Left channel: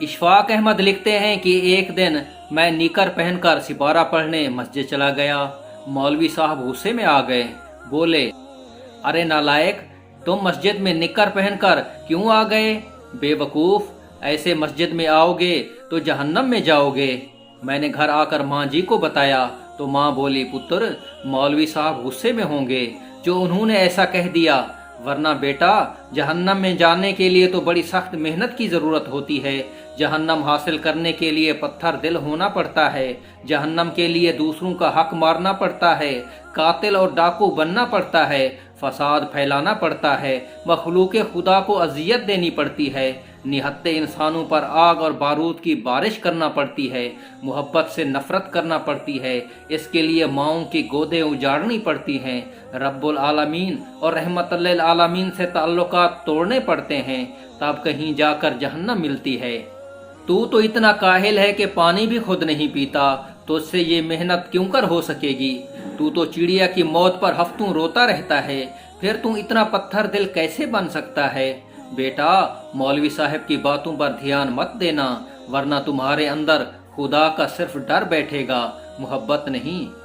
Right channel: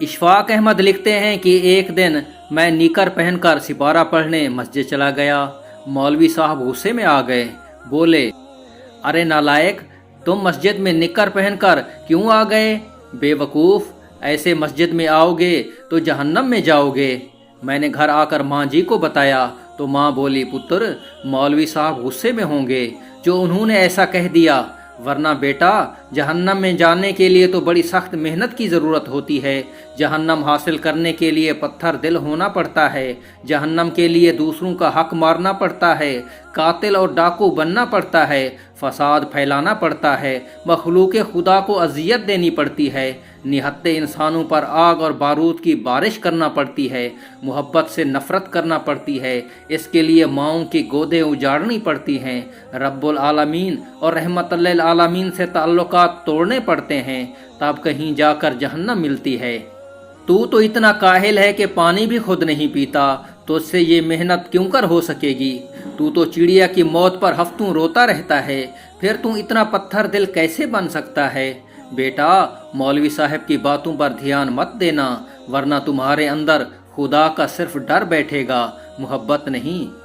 اشفاق احمد لکھتے ہیں کہ ایک دن میں نیکر پہن کر سپارہ پڑھنے مسجد چلا گیا۔ مولوی صاحب غصے میں آ گئے، بولے، ارے نالائق، تم مسجد میں نکر پہن کر کیوں آ گئے؟ بے وقوف، ایسے مسجد میں آؤ گے تو جہنم میں جاؤ گے۔ میں نے گھر آ کر ماں جی کو بتایا تو ماں بولی، پتر، مولوی صاحب غصے میں ہوں گے جو انہوں نے ایسا کہہ دیا، ورنہ بیٹا جہنم میں جانے کے لیے تو بڑی سخت محنت کی ضرورت ہوتی ہے۔ جہنم حاصل کرنے کے لیے پتھر دل ہونا پڑتا ہے، جہنم کے لیے دوسروں کا حق مارنا پڑتا ہے، قاتل اور ڈاکو بننا پڑتا ہے، فساد پھیلانا پڑتا ہے، مخلوق خدا کو اذیت دینی پڑتی ہے، نہتے انسانوں پر آگ اور بارود کی بارش کرنا پڑتی ہے، محبت سے نفرت کرنا پڑتی ہے، اس کے لیے ماؤں کی گودیں اجاڑنی پڑتی ہیں، رب العالمین اور رحمت للعالمین سے تعلقات توڑنے پڑتے ہیں، تب کہیں جا کر جہنم ملتی ہے۔ تو اتنا کاہل ہے کہ پانی بھی خود نہیں پیتا، تو اس سے یہ محنت کیوں کر ہو سکے گی؟ تو چڑیا کی موت پر ہفتوں روتا رہتا ہے، پھر اتنا پتھر دل کیسے بن سکتا ہے؟ بیٹا مولوی صاحب کی باتوں پر دھیان مت دینا، ورنہ تمہارے اندر خدا کا صرف ڈر بیٹھے گا، محبت نہیں۔